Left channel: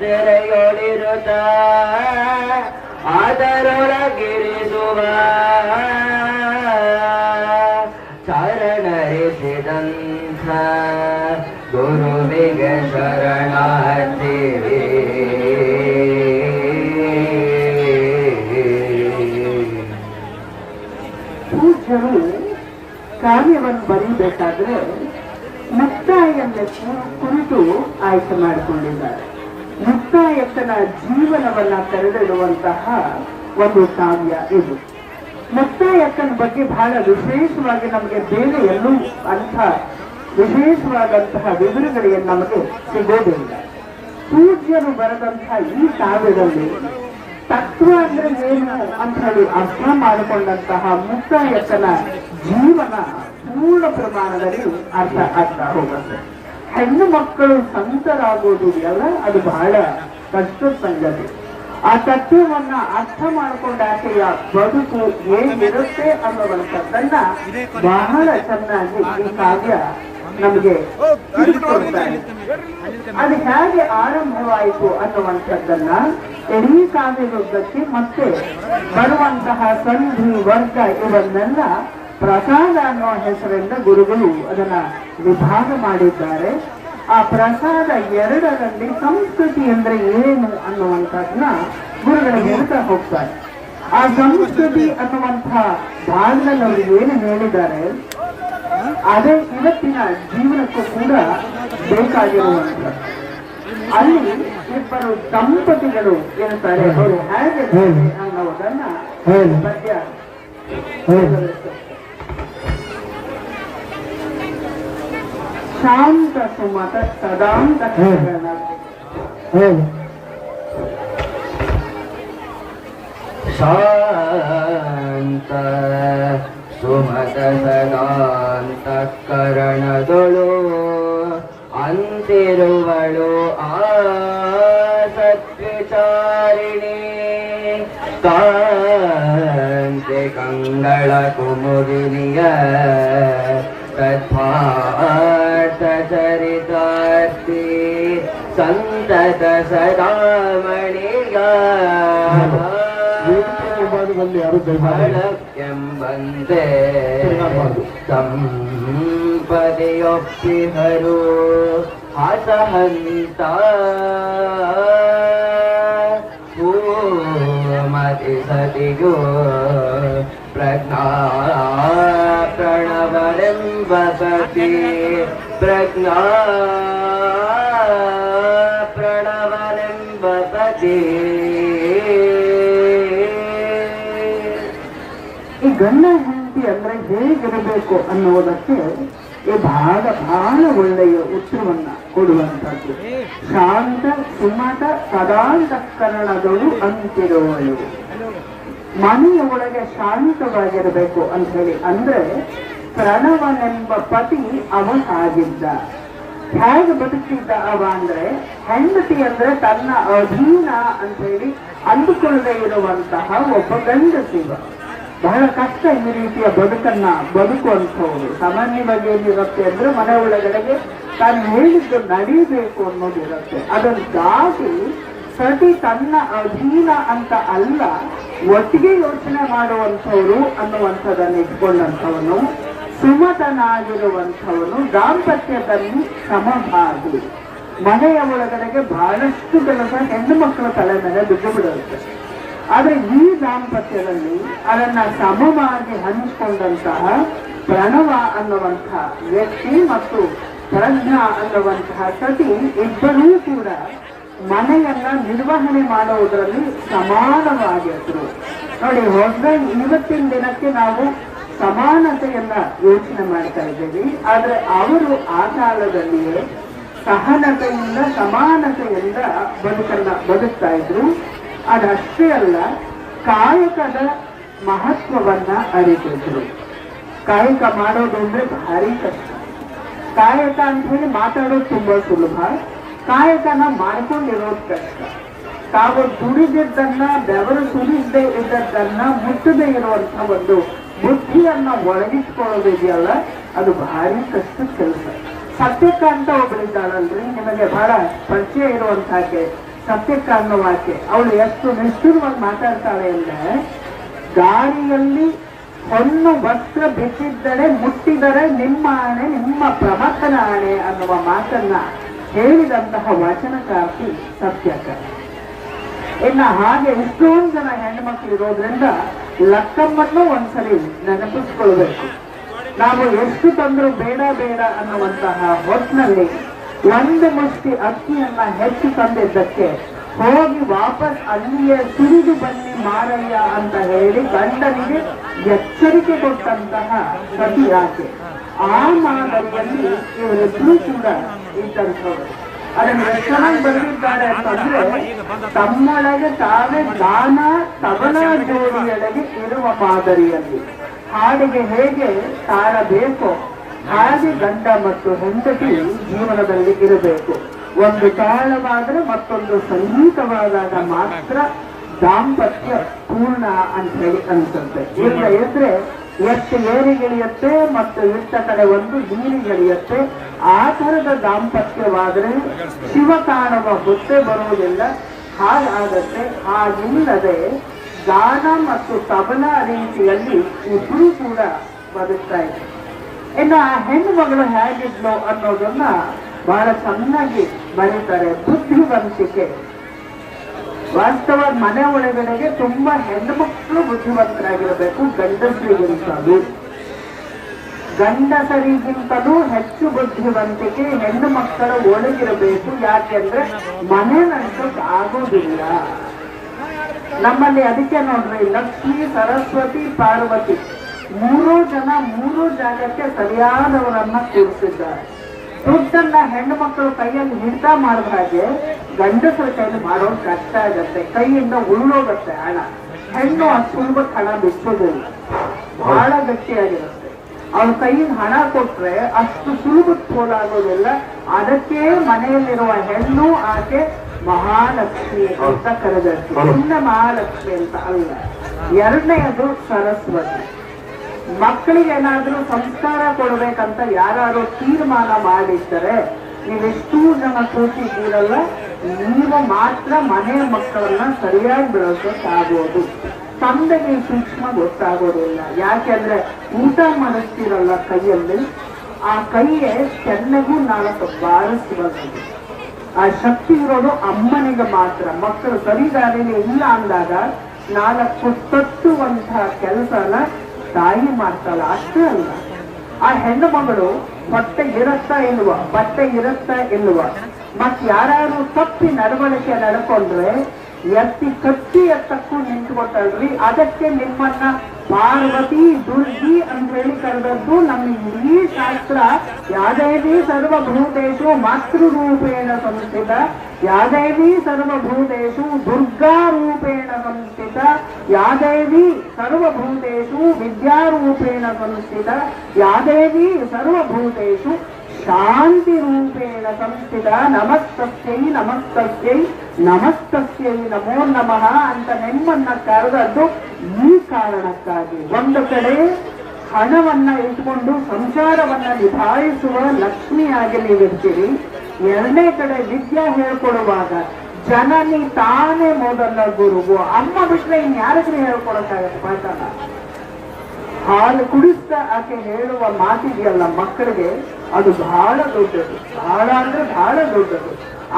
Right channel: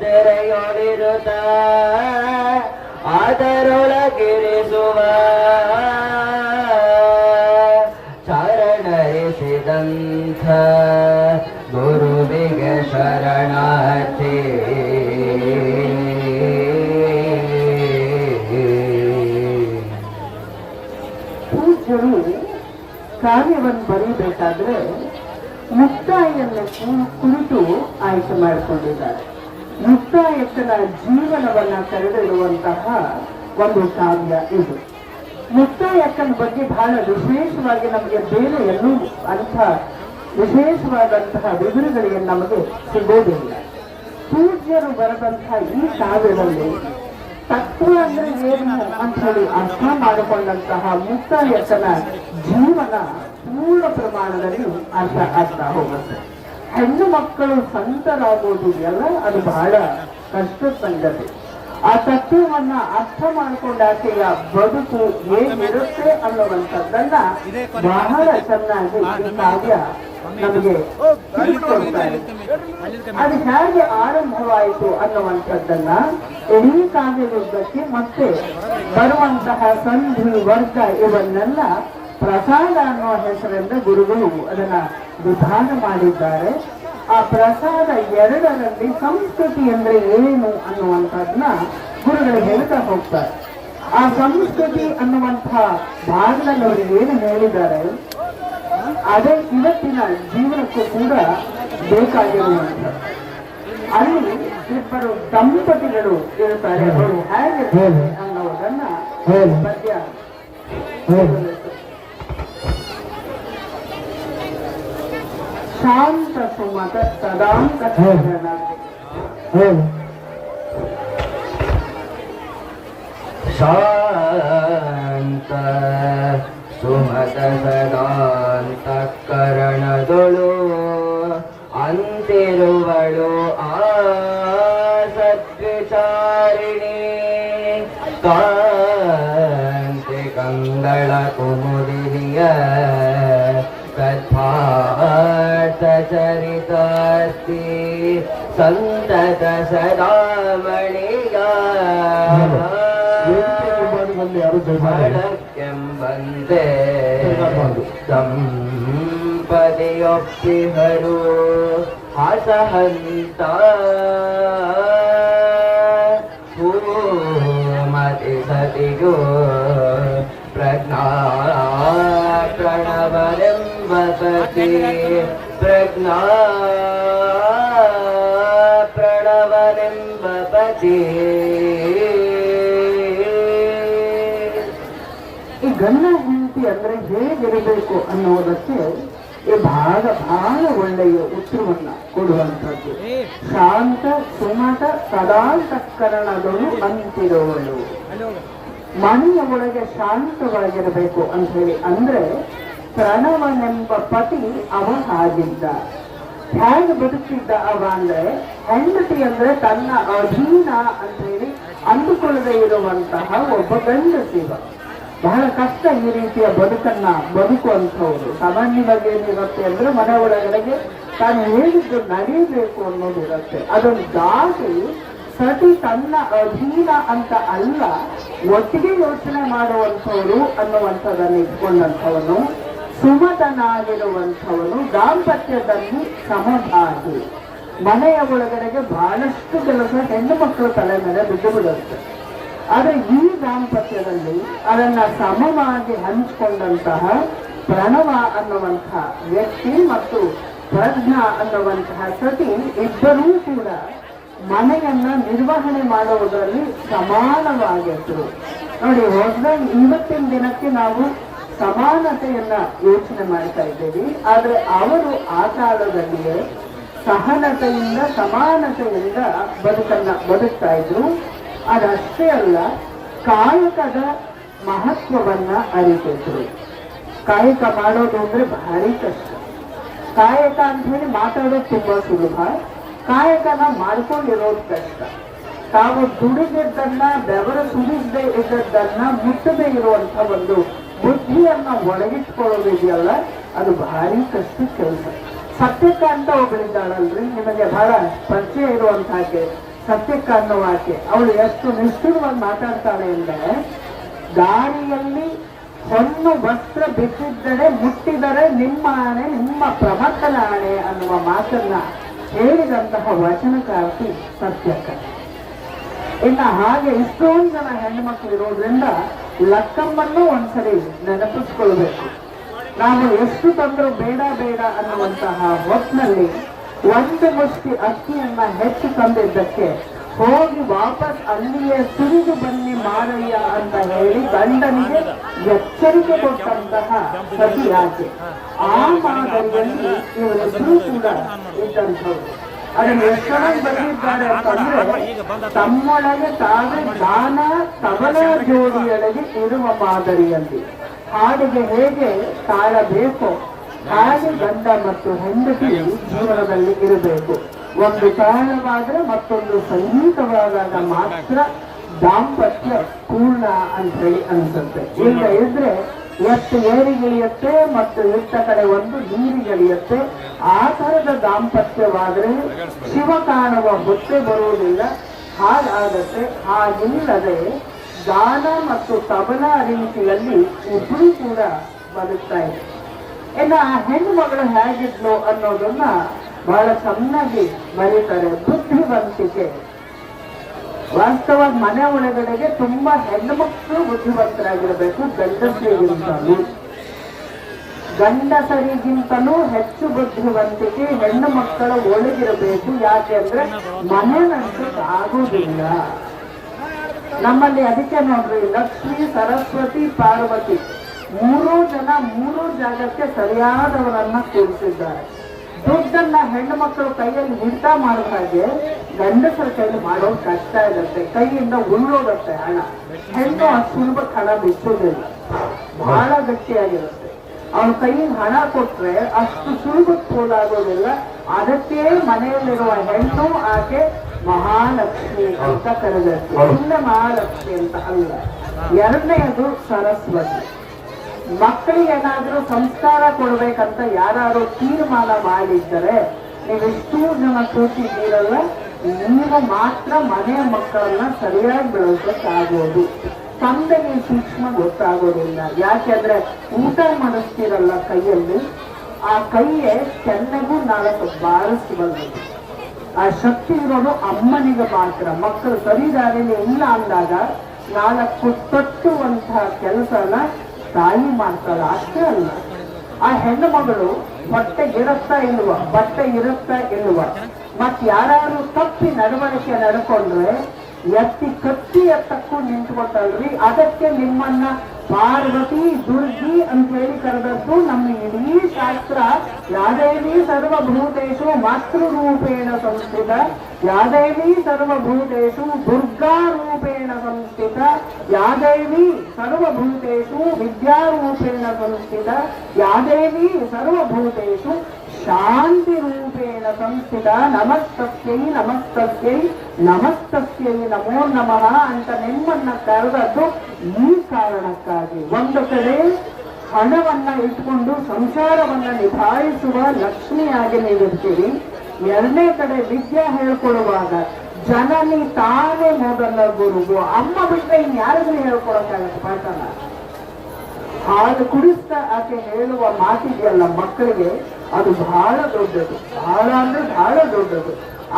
ಸರತೆರೆಯೊಳಿರುತ್ತ ಅದರೊಳಗಿರಿಸುವ ಶರಣರಿಸಿದಂಥ ಗುರುವಿಗೆ ಶರಣಾರ್ಥಿ. ಪೂಜ್ಯರು ಕಾರ್ಯವನ್ನು ಬರೀಬೇಕಾದ್ರೆ ಮುಕ್ತಾಯನ್ನ ಕು- ಕುರಿತು ಆಯ್ಕೆ ಮಾಡಿಕೊಂಡಿದ್ದಾರೆ. ಮುಕ್ತಾಯಕ್ಕನ ಜೀವನವನ್ನ ತೆರೆದಿಡುವಂತಹ ಒಂದು ಕಾವ್ಯ ಇದು. ಮುಕ್ತಾಯಕ್ಕನ ಬಗ್ಗೆ ಬಹಳ ವಿಶೇಷವಾಗಿ ನಮಗೆ ಬೇರೆ ಎಲ್ಲೂ ಅಂಥ ವಿಶೇಷವಾದಂತಹ ವಿವರಗಳೇನು ನಮಗೆ ಸಿಗೋದಿಲ್ಲ. ಪೂಜ್ಯರು ಬರೆದಂತಹ ಈ ಕಾವ್ಯದಲ್ಲಿ ತತ್ವ ಅಂದ್ರೆ ಏನು ಅಂತ ಹೇಳಿ ಅರ್ಥ ಮಾಡಿಕೊಂಡಂತಹ ಮುಕ್ತಾಯಕ್ಕನ ಜೀವನ ಪೂರ್ಣ ಪ್ರಮಾಣದಲ್ಲಿ ಅರ್ಥ ಆಗ್ತಾ ಹೋಗುತ್ತೆ. ಹೆಣ್ಣು ಮಕ್ಕಳು ಸಂತರಾಗೋದು ಎಲ್ಲ ಅದು ಬಹಳ ಕಷ್ಟದ ಸಂಗತಿ. ಆ ತತ್ವವನ್ನ ಅರ್ಥ ಮಾಡಿಕೊಂಡಾಕೆಯ ಬದುಕು ಏನಿರುತ್ತೆ ಅನ್ನುವಂಥದ್ದನ್ನ ಬಹಳ ಚೆನ್ನಾಗಿ ಈ ಕಾವ್ಯ ನಮಗೆ. ಅದು ಹೇಗೆ ಆರಂಭವಾಯಿತು ಅನ್ನುವಂಥದ್ದನ್ನ ಇಡೀ ಕಾವ್ಯದುದ್ದಕ್ಕೆ ಮತ್ತೆ ಬರುವಂತಹ ಸಂಧಿ ವರ್ಗ ಇವನ್ನೆಲ್ಲ ಪ್ರಸಾದ ಅನ್ನುವ ಹೆಸರಿಂದ ಗುರುಗಳು ಅದನ್ನ ವಿಧಾನ ಮಾಡಿದ್ದಾರೆ. ಆ ಪ್ರಸಾದ ಎರಡರಲ್ಲಿ ಸಂಸ್ಕೃತಿ ಅಂದ್ರೆ ಏನು ಅನ್ನುವಂಥದ್ದನ್ನ ಗುರುಗಳು ಹೇಳ್ತಾ ಹೋಗ್ತಾರೆ. ಆ ಸಂಸ್ಕೃತಿ ಅನ್ನುವಂಥ ಭಾರತದಲ್ಲಿ ಅವರು ಏನು ಹೇಳಿದ್ದಾರೆ ಅದೇ ಇವತ್ತಿನ ಜೀವನಕ್ಕೂ ಕೂಡ ಬೇಕಾಗಿರುವಂತ ಅಲ್ಲಿ ಇಬ್ಬರು ದಂಪತಿಗಳು ಇರುತ್ತಾರೆ. ಅವರು ಹೇಗೆ ಅನ್ನೋದನ್ನ ಪದ್ಯ ಶಾಂತ ಸುಮತ ಸದಾಂತ ಶಾಂತ ಸುಮತ ಸದಾಂತ ಕರಣದೊಳು ಅಂತಿರುವಳು ಆ ಸತ್ವಿಚಾರಿಣಿ ಕಾಂತಿ ಕಂಗಳ ಕುಮುದಿಯ ಸಂತತ ಸದಾಮಣಿಗ ಎಂಬಂತೆ ಸಂಪದೆಯೊಪ್ಪಿಹರು ಹಸಹಂತ ಭೂಮತಿ ಸತಿಯೋ ಪ್ರಜ್ಞಾ ಪ್ರಣವನೆಂಬ ಸತಿ ಪ್ರಜ್ಞಾ ಹೇಗಿರಬೇಕು ಅನ್ನುವುದಕ್ಕೆ ಬಹಳ ಭಾಗ ಬಹಳ ಒಳ್ಳೆಯ ಉತ್ತರವನ್ನು ಕೊಡುವಂತದ್ದು ಶಾಂತ ಸುಮಟ ಸದಾಂತಕರಣಗಳು ಅಂತಿರೋಳು ಮನೆಯ ಒಳಗೆ ಶಾಂತವಾಗಿರಬೇಕು ಅಂತ ಹೇಳಿ ಅಂದ್ರೆ ಪ್ರಣವನೆಂಬ ಪತಿ ಅವ ಆಗಿದ್ದ. ಹೇಗೆ ಬದುಕಿದ್ದ ಅವ ಅಂದ್ರೆ ಹೆಂಡತಿ ಅಂದ್ರೆ ತನ್ನ ಅಧೀನ ಅಂತ ಹೇಳಿ ಅಂದುಕೊಳ್ಳದೆ ಇರುವಂತಹ ಒಬ್ಬ ಗಂಡಸಿವ ಬಹಳ ಕಷ್ಟ ಈ ರೀತಿಯ ಬದುಕನ್ನ ಬದುಕುವಂಥವ್ರು. ಸಾಮಾನ್ಯವಾಗಿ ಏನಿರುತ್ತೆ ಅಂದ್ರೆ ಮನೆ ಒಳಗಡೆಗೆ ತಾನು ಹೇಳಿದ್ದು ನಡೀಬೇಕು ಅನ್ನೋದಿರುತ್ತೆ ಅದನ್ನು ದಾಟಿ ಸತಿ ತನ್ನ ಅಧೀನ ಅಂತ ಅಲ್ಲ, ಒಟ್ಟಿಗೆ ಯೋಚನೆ ಮಾಡುವಂಥವ್ರು ಅನ್ನುವಂಥದ್ದನ್ನು ಇಟ್ಕೊಂಡಂಥವನು, ಸುಮತನಾಗಿರುವಂಥವನು, ದಾಂಪತ್ಯದಲ್ಲಿ ಸಮಭಾಗಿ. ಮನೆಯ ಒಳಗಡೆಗೆ ಬಹಳಷ್ಟು ಕೆಲಸ ಹೆಣ್ಣು ಮಕ್ಕಳು ತಲೆ ಮೇಲೆ ಬಿದ್ದು ಬಿಡುತ್ತೆ. ಆದ್ರೆ ಈ ದಾಂಪತ್ಯದಲ್ಲಿ ಅದನ್ನ ಸಮವಾಗಿ ಹಂಚಿಕೊಂಡಂತಹ ಪ್ರಣವ ಅನ್ನುವಂತಹ ವ್ಯಕ್ತಿ ಮತ್ತು ಪ್ರಜ್ಞ ಅನ್ನುವಂತಹ ಸತಿ ಇಬ್ಬರೂ ಕೂಡ ಮನೆಯನ್ನ ನಿರ್ವಹಣೆ ಮಾಡುವುದರಲ್ಲಿ ಸಮಾನವಾಗಿದ್ರು. ನೋಡಿ ಹೊಸ್ಬೆಂಡ್ ಇವತ್ತಿನ ದಿನಕ್ಕೆ ನಾವು ಸಮಾನತೆಯನ್ನ ಯೋಚನೆ ಮಾಡ್ತಾ ಇದ್ದೀವಿ. ಆದ್ರೆ ಅವರು ಆ ಕಾಲದಲ್ಲಿಯೇ ಸಹನತೆಯಿಂದ, ಸಮಾನತೆಯಿಂದ ಬದುಕನ್ನ ಬದುಕ್ತಾ ಇದ್ರು. ಅದಷ್ಟೇ ಅಲ್ಲ, ಕಾಯಕದ ಮಹತ್ವವನ್ನ ಅರಿತಿದ್ರು ಕಾಯಕ ಮಾಡೋದು ಅಂದ್ರೆ ಭಾರಿ ಕಷ್ಟ. ಕಾಯಕ ಅಂತ ಹೇಳಿ ಮಾತಾಡೋದು ತುಂಬಾ ಸುಲಭ. ಕಾಯಕನ ಮಾಡ್ಕೊಂಡಿರೋದು ಕಷ್ಟ. ತಾವು ದುಡಿದಿದ್ದನ್ನ, ಬೆವರು ಸುಡಿದ್ದೆ ಇದ್ದದ್ದನ್ನ ಮುಟ್ಟದೆ ಇರುವಂತ ಒಂದು ಬುದ್ಧಿಯನ್ನ ಒಳಗಿಟ್ಕೊಳ್ಳೋದಿದೆಯಲ್ಲ, ಅದು ಭಾರಿ ಕಷ್ಟ ಕೆಲಸ. ಸತ್ಯಕಾಂತ ಒಬ್ಬಳಿದ್ದಾಳಲ್ರಿ ನಿಮಗೆ ಬಹಳ ಪರಿಚಯ ಇರುವಂತಾಕೆ ಸತ್ಯಕಾಂತ ಆಕೆ ಅವಳು ಎಷ್ಟು ನಿಷ್ಠುರವಾಗಿ ಮಾತಾಡ್ತಾಳೆ ಅಂದ್ರೆ, ದಾರಿಯಲ್ಲಿ ಸಣ್ಣ ವಸ್ತ್ರ ಬಿಚ್ಚಿದ್ದರೆ ಮುಟ್ಟಿದರೆ ನಿಮ್ಮ ಆಣೆ, ನಿಮ್ಮ ಪ್ರವರ್ತನ ಆಣೆ ಅನ್ನುವ ಮಾತನ್ನ ಹೇಳಿದಂತಹ ವಚನಕಾರ್ತಿ ಸತ್ಯಕ ಇನ್ನು ಹಾಗೆ ಇಷ್ಟೊಂದು ಜನ ಹೆಣ್ಮಕ್ಳು ಇರೋದ್ರಿಂದ ಲಕ್ಕಮ್ಮನ್ನು ಒಂದ್ಸರಿ ನೆನಪಿಸ್ಕೊಳ್ಬೇಕು. ನಾವು ಎಷ್ಟು ತಂದ್ರು ಬೇಡ ಬೇಡ ಅನ್ನುವಂತಹ ಹೊತ್ತಿನಲ್ಲಿ ಒಂದು ಮುಷ್ಟಿ ಅಕ್ಕಿಯನ್ನ ಹೆಚ್ಚು ತಂದಿದ್ದಕ್ಕೆ ಹೋಗಿ ವಾಪಸ್ ಅಲ್ಲಿಯೇ ಸುರಿದು ಬನ್ನಿ ಮಾರಯ್ಯ ಅಂತ ಹೇಳಿ ಗಂಡನಿಗೆ ಎಚ್ಚರಿಕೆ ಕೊಟ್ಟಂತಹ ರಾಜ್ಯ ಆ ಮಾದರಿಯಲ್ಲಿ ಇವರಿಬ್ರು ಕೂಡ ಇದ್ದಂಥವ್ರು ತಮ್ಮೊಳಗೆ ತಾವೇ ದಾನ ದೇವಿಯೊಳಗೆ ಇರುವ ಮಾದರಿಯಲ್ಲಿ. ಹಾಡಿಗೆ ಹೇಗೆ ತಾಳಬೇಕು? ಹಾಗೆ ಗಂಡ ಮತ್ತು ಹೆಂಡತಿ ಜೀವನದಲ್ಲಿ ಇರಬೇಕು. ಒಂದು ಕಾಲವಾದರೆ ಮತ್ತೊಂದು ಸಂಗೀತವಾದಾಗ ಮಾತ್ರ ದಾಂಪತ್ಯ ಪೂರ್ಣ ಅಂತ ಹೇಳಿ ಅನ್ಸುತ್ತೆ. ಇಲ್ಲ ಇದ್ರೆ ಎಷ್ಟು ಏರಿಗಿಳಿಯತ್ತೆ ಮತ್ತು ಇಟ್ಟ ಕಡೆ ಒಂದು ನೀರಿಗೆಳೆಯುತ್ತೆ ಆ ತರದ ದಾಂಪತ್ಯವಾದರೆ ಶಿವ ಕಾಣುವ ಹೊಟ್ಟೆ ಬರುವುದಿಲ್ಲ ಹಾಗಾಗತ್ತೆ ಹಾಗಿಲ್ಲದೆ ದಾನ ಮತ್ತು ತಬಲ ರೀತಿಯಲ್ಲಿ ಇಬ್ಬರೂ ಕೂಡ ಬದುಕ್ತಾ ಇದೆ. ಇನ್ನು ಆ ಹೆಣ್ಣು ಮಗಳು ಹೇಗಿದ್ಲು ಅನ್ನೋದನ್ನ ಬಹಳ ಚೆನ್ನಾಗಿ ಬರೀತಾರೆ. ಬುದ್ಧಿವಂತಿಕೆ ವಾಸ್ತವ ಮನೆ ಒಳಗಡೆಗೆ ತುಂಬಾ ಹೆಣ್ಣು ಮಕ್ಕಳು ಬುದ್ಧಿವಂತರಾಗಿರಬೇಕು, ಗಂಡಸರಿಗಿಂತಲೂ. ಗಂಡಸರಿಗಿಂತಲೂ ಹೆಚ್ಚು ಬುದ್ಧಿವಂತಿಕೆ ಹೆಣ್ಣು ಮಕ್ಕಳು ಒಳಗಿರಬೇಕು. ಯಾಕೆಂದ್ರೆ ಮನೆಯಂತೂ ಆಗೋದಿಲ್ಲ ನಮ್ಮಲ್ಲಿ ಅದಕ್ಕೆ ನೋಡ್ರಿ, ಲಕ್ಷ್ಮಿ, ಸರಸ್ವತಿ, ಪಾರ್ವತಿ. ಮೂರು ಜನ ಮೂರು ಜಾಗಕ್ಕೆ ಸರಿಯಾದವರನ್ನ ಕೂರಿಸಿದ್ದಾರೆ ದುಡ್ಡನ್ನ ಹೆಣ್ಣು ಮಕ್ಕಳು ಕೈಯಲ್ಲಿ ಹಿಡಿತ ಮಾಡಿದ ಹಾಗೆ ಗಂಡಸರ ಕೈಯಲ್ಲಿ ಮಾಡೋ ಕಷ್ಟ ಆಗುತ್ತೆ ಕೈಯಿಂದ ಉಳ್ಳೋಗುತ್ತೆ ಹಣ. ಹೆಣ್ಣು ಆ ಸುಲಭಕ್ಕೆ ಹಣ ಬಿಚ್ಚೋದಿಲ್ಲ ಬಹಳ ಗಟ್ಟಿಯಾಗಿರುತ್ತೆ. ಅವ್ರ ಕೈಯಿಂದ ಹಣ ಕೊಟ್ರೆ ಅಷ್ಟು ಸುಲಭಕ್ಕೆ ಪೋಲಾಗೋದಿಲ್ಲ ಅದಕ್ಕೆ ಮನೆಯಲ್ಲಿರುವ ಹೆಣ್ಣು ಆಕೆ ಮಹಾಲಕ್ಷ್ಮಿ ಅಂತ ಇನ್ನ ಮಹಾಲಕ್ಷ್ಮಿ ಅಂತ ಅಲ್ಲ. ಎರಡನೆಯದು ಸರಸ್ವತಿ. ಮಕ್ಕಳಿಗೆ ಏನಾದ್ರೂ ಸಂಸ್ಕಾರ ಕೊಡ್ಬೇಕಂತ ಯಾರು ತೀರ್ಮಾನ ಮಾಡಿದ್ದರೆ ನೀವೆಷ್ಟೂ ಜನ ಕೂತಿದ್ದೀರಲ್ಲ ನೀವು ಮಾತ್ರ ಮನೆ ಮಕ್ಕಳನ್ನ ಸರಿಯಾಗಿ ಬೆಳೆಸೋಕ್ಕಾಗೋದು ತಂದೆಗೆ ಸೂಕ್ಷ್ಮ ಗೊತ್ತಾಗೋದಿಲ್ಲ. ಯಾಕೆಂದ್ರೆ ಊಟ ಮಾಡಿಸ್ತೀರಲ್ಲ ಕೈಯಲ್ಲಿ, ಆ ಕೈಯೇ ಚೆನ್ನಾಗೂ ನಾಲ್ಕು ಬಾರಿಸ್ತಿರೋದು ಆ ಶಕ್ತಿ ಇರೋದು ಅಮ್ಮನಿಗೆ ಮಾತ್ರ. ಮಕ್ಕಳು ಸರಿದಾರಿನೇ ಇಲ್ಲ ಅಂದಾಗ ನಾಲ್ಕು ತಟ್ಟುವಂತಹ ಕೆಲಸನ ತಾಯಿ ಮಾಡ್ತಾಳ, ಅಷ್ಟೇ ಅಲ್ಲ. ಆ ಹೆಣ್ಣು ಮಗಳು ಬಟ್ಟೆ ಇರತ್ತಾ ಇಲ್ವ? ಬಟ್ಟೆ ಇರತ್ತಾ ಇಲ್ವ? ಮತ್ ಯಾರು ತಪ್ಪಿ ನಡವಳಿಕೆ ನಡ್ಕೊಂಡ್ರೆ ಎತ್ತಿ ಕಟ್ಟಿ ಎತ್ತಕ್ಕೂ ನಿಂತ್ಕೊಟ್ಟಲ್ರಿ ಅದಕ್ಕೆ ನಿಮ್ಮನ್ನ ಪಾರ್ವತಿ, ದುರ್ಗಿ ಅಂತ ಹೇಳಿ ಕರೆದದ್ದು ನಮ್ಮ ಇಡೀ ಶಾಸ್ತ್ರ. ಯಾದೇವಿ ಸರ್ವಭೂತೇಶು ಮಾತೃರೂಪೇಣ ಸಂಸ್ಥಿತ ಯಾದೇವಿ ಸರ್ವಭೂತೇಶು ದುರ್ಗಾ ರೂಪೇಣ ಸಂಸ್ಥಿತ ಯಾದೇವಿ ಸರ್ವಭೂತೇಶು ವಿದ್ಯಾರೂಪೇಣ ಸಂಸ್ಥಿತ ಯಾದೇವಿ ಸರ್ವಭೂತೇಶು ಶಾಂತಿ ರೂಪೇಣ ಸಂಸ್ಥಿತ, ನಮಸ್ತಸ್ಯೈ ನಮಸ್ತಸ್ಯೈ ನಮಸ್ತಸ್ಯೈ ನಮೋ ನಮಃ ಅಂತ ನಿಮ್ಮನ್ನ ಕರೆದದ್ದು ಈ ಕಾರಣಕ್ಕಾಗಿ. ಒಂದು ಕಡೆ ಹಣವನ್ನ ಇಟ್ಕೊಂಡು ಸಂಸಾರವನ್ನ ನಿಭಾಯಿಸುವ ಲಕ್ಷ್ಮಿಯಾಗಿ ನೀವಿರ್ತೀರಿ. ಎರಡನೇ ಕಡೆ ವಿದ್ಯಾ ಹೇಳ್ಕೊಡುವಾಗ ಜನನಿ ತಾನೇ ಮೊದಲ ಗುರುವು ಅಮ್ಮ ಬಿಟ್ರೆ ಇನ್ಯಾರಿಗೂ ಹೇಳ್ಕೊಡಕ್ಕಾಗತ್ತೆ ಮಾತಲ್ಲ ಹಾಲು ಕುಡಿಸ್ತಾ ಆಕೆ ಹೇಳುವ ಮಾತಿದೆಯಲ್ಲ ಮಕ್ಕಳಿಗೆ, ಅದು ಬಹಳ ದೊಡ್ಡದು. ಬಹಳ ಅಂದ್ರೆ ಬಹಳ ದೊಡ್ಡದು.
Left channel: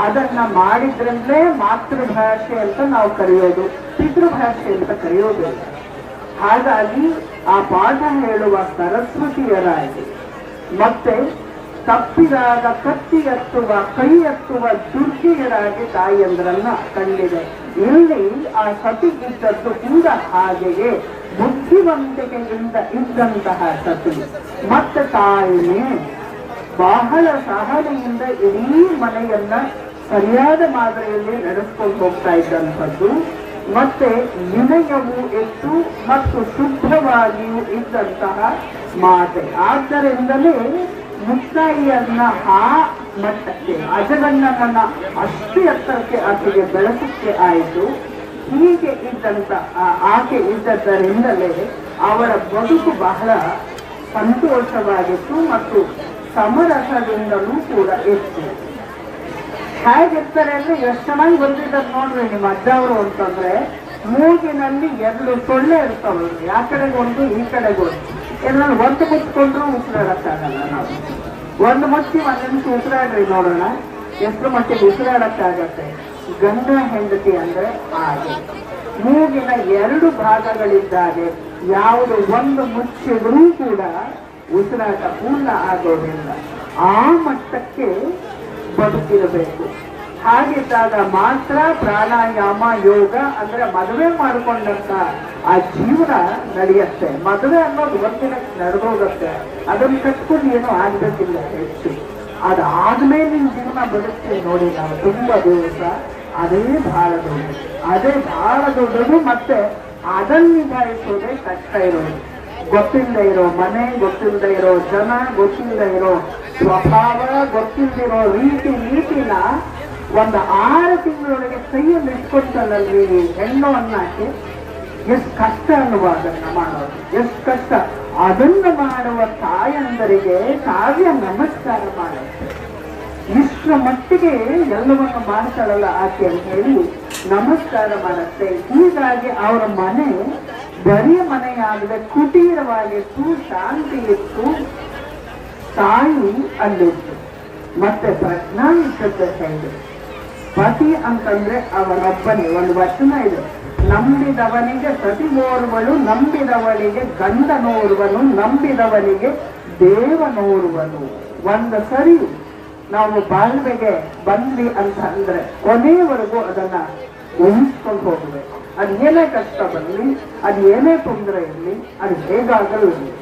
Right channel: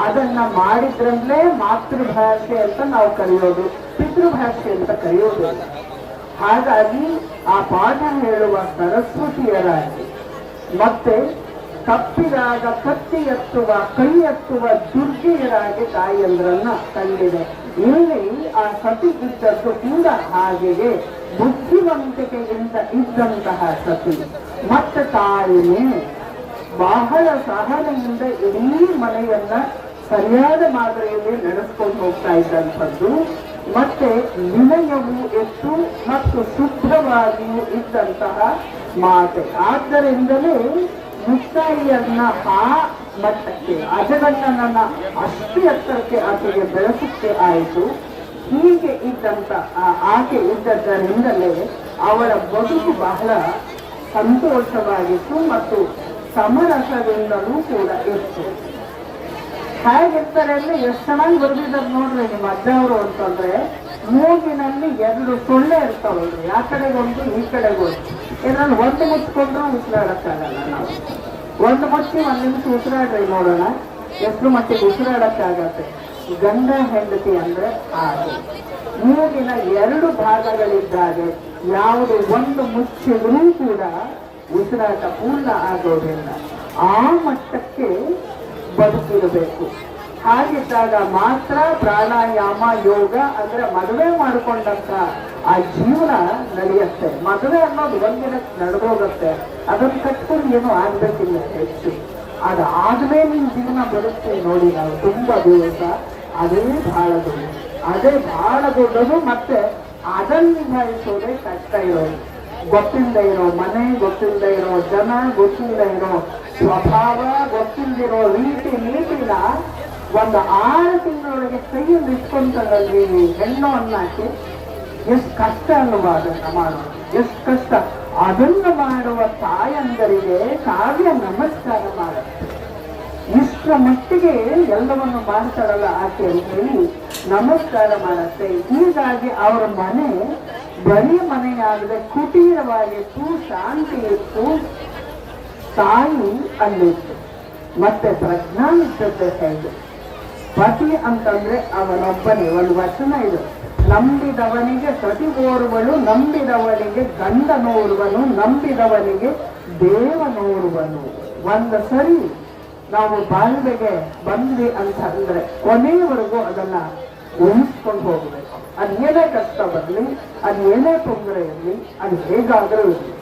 ಅದನ್ನ ಮಾಡಿದ್ರಂದ್ರೆ ಮಾತೃಭಾಷೆ ಅಂತ ನಾವು ಕರೆಯೋದು, ಪಿತೃಭಾಷೆ ಅಂತ ಕರೆಯೋದು. ಹಾಗಾಗಿ ಆ ಪಾಠ ಹೇಳುವ ಸರಸ್ವತಿಯರಾಗಿ ಮತ್ತೆ ತಪ್ಪಿದಾಗ ಕತ್ತಿ ಎತ್ತುವ, ಕೈ ಎತ್ತುವ ದುರ್ಗಿಯರಾಗಿ ತಾಯಿಯಂದ್ರನ್ನ ಕಂಡಿದೆ. ಇಲ್ಲಿ ಆ ಸತಿ ಇದ್ದದ್ದು ಕೂಡ ಹಾಗೆಯೇ. ಬುದ್ಧಿವಂತಿಕೆಯಿಂದ ಇದ್ದಂತಹ ಸತಿ. ಮತ್ತೆ ತಾಯಿಯೇ, ಬಹಳ ಸಹನೆಯಿಂದ ಇಡೀ ಮನೆಯನ್ನ ಸರಿಯಾದ ಮಾದರಿಯಲ್ಲಿ ನಡೆಸ್ಕೊಂಡು ಹೋಗ್ತಾ ಇದ್ದಂಥದ್ದು. ಮತ್ತೆ ವಿನಯವು ಎಷ್ಟು ಮತ್ತು ಶುದ್ಧವಾಗಿಯೂ ಇದ್ದಂತಹ ಮಾತೆ. ಆದ್ದರಿಂದಲೇ ಮುಕ್ತಾಯಿಯನ್ನ ಆ ಮಟ್ಟಕ್ಕೆ, ಅಜಗಣ್ಣನನ್ನ ಅಷ್ಟು ಎತ್ತರಕ್ಕೆ ಆಕೆಗೆ ಬೆಳೆಸಕ್ಕೆ ಆಯಿತು. ಹೀಗೆ ಇದ್ದಂತ ಆಕೆ ಇದ್ದದ್ದರಿಂದಲೇ ಅವರ ಬದುಕು ಬಹಳ ಸಂತೋಷವಾಗಿತ್ತು ಮತ್ತು ಸಮರಸದಿಂದಲೂ ಕೂಡ ಇತ್ತು. ಹೇಗಿರ್ತಾರೆ ಅಂದ್ರೆ ಎಷ್ಟು ಚೆನ್ನಾಗಿ ಬಂದಿದ್ದಾರೆ ನೋಡ್ರಿ ನಿಮ್ಮ ಅಜ್ಜವರು ಅಂತಂದ್ರೆ, ಮೂಗಿನಲ್ಲಿ ಎರಡು ಸೊಳ್ಳೆ ಇರ್ತಾವೆ ಆ ಕಡೆಗೊಂದು, ಈ ಕಡೆಗೆ ಏನಾದ್ರು ಒಂದು ಮುಚ್ಕೊಂಡ್ರು ಉಸಿರಾಡಕ್ಕಾಗಲ್ಲ ನಾವು. ಒಂದು ಮುಚ್ಚಿ ಒಂದು ನಿಮಿಷ ಉಸಿರಾಡ್ರಿ ನೋಡೋಣ. ಎಷ್ಟು ಮಟ್ಟಿಗೆ ಉಸಿರಾಡಕ್ಕಾಗತ್ತೆ ಗಂಡ ಹೆಂಡತಿ ಅಂದ್ರೆ ಹಾಗೆ ಮೂಗಿನ ಎರಡು ಭಾಗಗಳಿದ್ದಾಗೆ ಯಾವುದು ಒಂದು ಮುಚ್ಚಿದ್ರೂ ಕೂಡ ಉಸಿರಾಟ ಪೂರ್ಣ ಆಗೋದಿಲ್ಲ. ಆ ಮಟ್ಟಕ್ಕೆ ಬದುಕಿರಬೇಕು. ಹಾಗಿದ್ದಾಗ ಮಾತ್ರ ಪ್ರಾಣಾಯಾಮ ಯೋಗ ಅಂದ್ರೆ ಮದುವೆ ಮಾಡಿಕೊಂಡಂತ ಆ ಜೀವನ ನಡೆಯುತ್ತೆ. ಮದುವೆ ಅನ್ನೋದು ಒಂದಿನ ನಡೆದೋಗುತ್ತೆ. ಅದನ್ನ ಕಟ್ಕೊಂಡು ಏನು ಆಗ್ಬೇಕಿಲ್ಲ ಹೆಚ್ಚು. ಅದಾದ್ಮೇಲೆ ನಿಮ್ ಜೀವನ ಬದುಕ್ತೀವಿ ನೋಡಿ, ನಾವು ತುಂಬ ದಿವಸ ಅದೇ ಬಹಳ ದೊಡ್ಡ ಅದೇ ಬಹಳ ದೊಡ್ಡದು ಮತ್ತೆ ಅದನ್ನ ನಿಭಾಯಿಸೋದೇ ಕಷ್ಟ ಇರೋದು. ಗೊತ್ತಿಲ್ಲದೆ ಇರೋ ಮನೆ ಗೊತ್ತಿಲ್ಲದೆ ಇರೋ ಜನ ಗೊತ್ತಿಲ್ಲದೆ ಇರೋ ಸ್ವಭಾವ ಗೊತ್ತಿಲ್ಲದಿರೋ ರೀತಿ, ನೀತಿನ ಒಂದು ಆರು ತಿಂಗಳೊಳಗೆ ಕೈಯಲ್ಲಿ ಇಟ್ಕೊಂಡ್ರಲ್ಲಿ ಹೆಣ್ಣು ಅನ್ನಕ್ಕೆ ಎಷ್ಟು ಕಷ್ಟ ಅಲ್ವಾ ಅದನ್ನ ಮಾಡೋದು ಎಷ್ಟು ಕಷ್ಟ. ಅದನ್ನು ಮಾಡುವ ತಾಯಂದರಿಗೆ ಕಾವ್ಯ ನಮಸ್ಕಾರ ಮಾಡುತ್ತೆ. ಇಷ್ಟರ ಮಟ್ಟಿಗೆ ಎಲ್ಲವನ್ನು ಮಾಡ್ತಾರಲ್ಲ ಆಕೆ ಅಂತ ಹೇಳಿ ನಮಸ್ಕಾರ ಮಾಡುತ್ತೆ. ಹೀಗಾಗಿ ಅವರ ಮನೆ ಬರೀ ಮನೆಯಾಗದೆ. ಕುಟೀರವಾಗಿತ್ತು ಶಾಂತಿ ಇತ್ತು. ತಾಯಿ ಅಲ್ಲಿತ್ತು. ಮತ್ತೆ ಪ್ರಜ್ಞಾನಿಕತೆ ಪತಿ ಅಂತಂದ್ರೆ ಅವರೊಬ್ಬನೇ. ಒಂದು ವಚನ ಇದು. ನಂಬಿದವನಿಗೆ ಸತಿ ನೋಡುವನು ನಂಬಿದವನಿಗೆ ಗಂಧ ನೋಡುವನು ನಂಬಿದವನಿಗೆ ದೇವ ನೋಡುವನು ಒಂದು ಸರಿ ನಾವು ಬಾಳ್ವೆಗೆ ಬಂದ್ವಿ ಅಂತ ಅಂದ್ರೆ ಕೊನೆಯವರೆಗೂ ಅದನ್ನ ಉಳಿಸ್ಕೊಂಡು ಹೋಗ್ಬೇಕು. ಅದು ಏನೇ ಕಷ್ಟ ಬರಲಿ, ಅದು ಏನೇ ತೊಂದರೆ ಇರಲಿ, ಅದು ಹೇಗಾದರೂ ಇರಲಿ.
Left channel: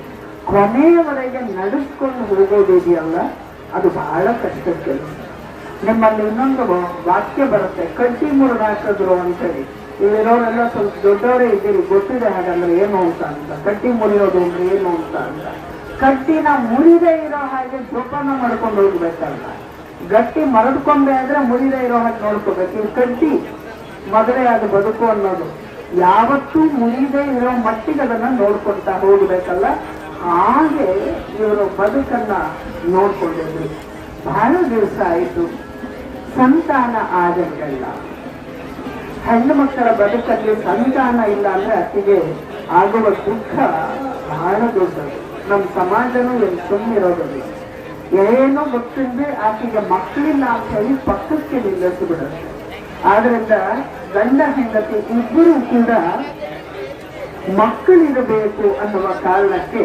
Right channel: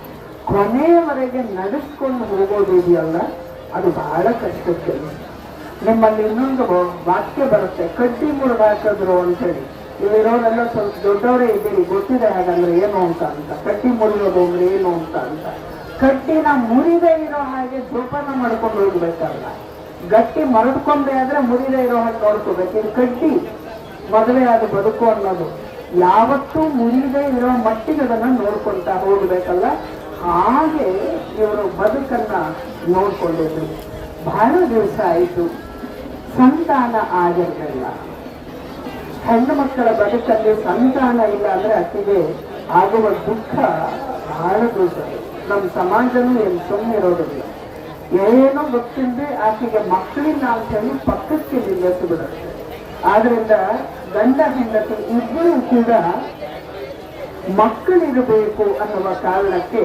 ಕೊನೆಯವರೆಗೆ ನಡೆಸ್ಕೊಂಡು ಹುಡುಗೋದಿದೆಯಲ್ಲ ಅದು ಬಹಳ ಕಷ್ಟದ ಕೆಲಸ. ನಿಮ್ಮಲ್ಲಿ ಇನ್ನೊಂದು ವಾಕ್ಯ ಬರುತ್ತೆ ಕಟ್ಟಿ ಮೂರು ಹಾಕಿದ್ರು ಅಂತೇಳಿ ಇಲ್ಲಿರೋರೆಲ್ಲ ಸ್ವಲ್ಪ ದೊಡ್ಡವರೇ ಇದ್ದೀವಿ ಗೊತ್ತಿದೆ ಹಾಗಂದ್ರೆ ಏನು ಅಂತ ಅಂತ. ಕಟ್ಟಿ ಮುರಿಯೋದು ಅಂದ್ರೆ ಏನು ಅಂತ ಅಂತ. ಕಟ್ಟಿನ ಮುರಿದೇ ಇರೋ ಹಾಗೆ ಜೋಪಾನ ಮಾಡ್ಕೊಂಡು ಹೋಗ್ಬೇಕಲ್ಲ. ಗಟ್ಟಿ ಮರಡ್ಕೊಂಡೆ ಆದ್ರೆ ಮುರಿದೇ ಇರೋ ಹಾಗೆ ನೋಡ್ಕೋಬೇಕು. ಇದು ಕಟ್ಟಿ ಮದುವೆ ಅದು ಬದುಕು ಅನ್ನೋದು. ಯಾವತ್ತೂ ಮುರಿದೇ ಇರೋ ಮಟ್ಟಿಗೆ ಅದನ್ನ ನೋಡ್ಕೊಳ್ತಾ ಹೋಗ್ಬೇಕಲ್ಲ. ಹಾಗೆ ಇವರು ಬದುಕನ್ನ ನೋಡ್ಕೊಂಡಿದ್ರು. ಬಹಳ ದಿವಸ ಆಯಿತು. ಸಂತಾನ ಆಗಲಿಲ್ಲ ಹೆಣ್ಣು ಮಕ್ಕಳ ಬದುಕಲ್ಲಿ ಸಂತಾನ ಇಲ್ಲ ಅಂದ್ರೆ ಅತಿಗೆ ಆಗುವ ದುಃಖ ಬಹಳ ನಮ್ಮ ಸಮಾಜನೂ ಏನು ಸುಮ್ಮನೆ ಇರೋದಿಲ್ಲ. ಏನೂ ಗೊತ್ತಿಲ್ಲದೆ ಆಕೆಗೆ ಮಕ್ಕಳಿಲ್ಲ ಅಂತ ಹೇಳಿ ಪಕ್ಕಕ್ಕೆ ನಿಲ್ಲಿಸಿಬಿಡುತ್ತೆ. ಆದ್ರಿಂದ ಗಂಡ ಹೆಂಡತಿ ಇಬ್ಬರು ಕೂಡ ಮಕ್ಕಳಿರಬೇಕು ಅನ್ನುವ ಕಾರಣಕ್ಕೆ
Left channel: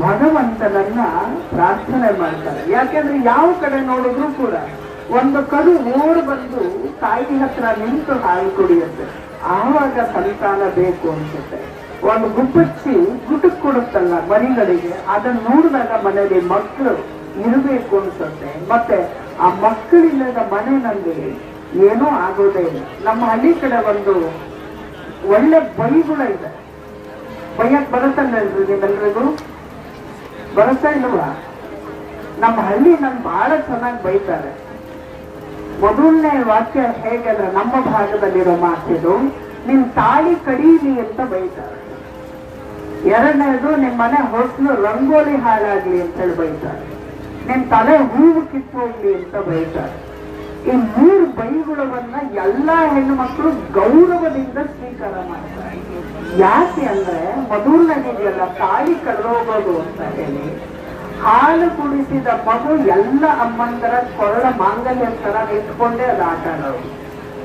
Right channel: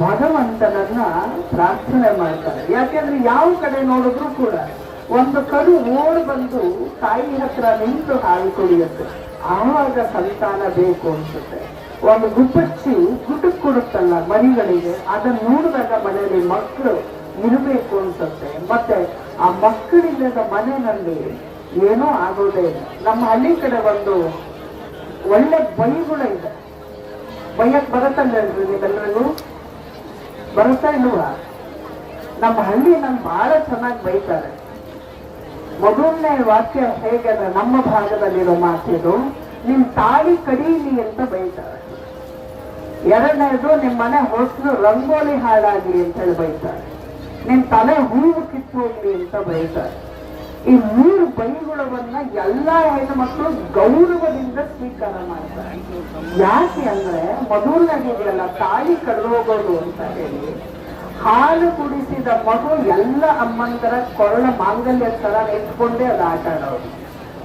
ಭಗವಂತನನ್ನ ಪ್ರಾರ್ಥನೆ ಮಾಡ್ತಾರೆ. ಯಾಕೆಂದ್ರೆ ಯಾವ ಕಡೆ ನೋಡಿದ್ರು ಕೂಡ ಒಂದು ಕರು ಓಡ್ ಬಂದು ತಾಯಿ ಹತ್ರ ನಿಂತು ಹಾಲು ಕುಡಿಯುತ್ತೆ. ಆವಾಗ ಸಂತಾನ ಬೇಕು ಅನ್ಸುತ್ತೆ. ಒಂದು ಗುಪ್ಪಚ್ಚಿ ಗುಟಕ್ ಕೊಡುತ್ತಲ್ಲ ಮರಿಗಳಿಗೆ, ಅದನ್ನ ನೋಡಿದಾಗ ಮನೆಯಲ್ಲಿ ಮಕ್ಕಳು ಇರಬೇಕು ಅನ್ಸುತ್ತೆ. ಮತ್ತೆ ಆ ಮಕ್ಕಳಿಲ್ಲದ ಮನೆಯಲ್ಲಿ ಏನೂ ಆಗೋದೇ ಇಲ್ಲ. ನಮ್ಮ ಹಳ್ಳಿ ಕಡೆ ಒಂದು ಒಳ್ಳೆ ಬೈಗುಳ ಇದೆ. ಬೈಯಕ್ ಬರುತ್ತಲ್ರಿ ನಿಮ್ಮೆಲ್ಲರಿಗೂ ಬರತಾ ಇಲ್ವಾ? ನಮ್ಮ ಹಳ್ಳಿ ನನ್ ಬಹಳ ಚೆನ್ನಾಗಿ ಬೈತಾರೆ. ಮೊದಲನೇ ವಾಕ್ಯ ಹೇಗಂದ್ರೆ ನಮ್ಮ ಭಾಗದಲ್ಲಿರೋ ಮಾತಿದು, ನಿನ್ ತಾಳಿ ಕಡೀಲಿ ಅಂತ ಬೈತಾರೆ. ಎರಡನೇದು, ನಿಮ್ ಮನೆ ಹೊಸಲು ರಂಗೋಲಿ ಹಾಳಾಗ್ಲಿ ಅಂತ ಹೇಳಿ ಬೈತಾರೆ. ನಿಮ್ ತಲೆ ಹೂವು ಕಿತ್ತೋಗ್ಲಿ ಅಂತ ಬೈತಾರೆ. ಈ ಮೂರು ಬೈಗುಳವನ್ನ ಎಲ್ಲಾ ಹೆಣ್ಣು ಮಕ್ಕಳು ಗೌರವದಿಂದ ಸ್ವೀಕಾರ ಮಾಡ್ತಾರೆ. ಯಾಕೆ ಅಂದ್ರೆ, ಮೊದಲನೇದಿದೆಯಲ್ಲ, ತಾಳಿ ಕಳೆದೋಗೋದು ಅಂತ ಹೇಳಿ ಹಾಲು ಕುಡಿಸಿದ ಮಗು ಎಲ್ಲ ಅಮ್ಮಂದರ ಕೊರಳ ಮಾಂಗಲ್ಯ ತರ ಇಟ್ಕೊಂಡೆ ಅದು ಆಟ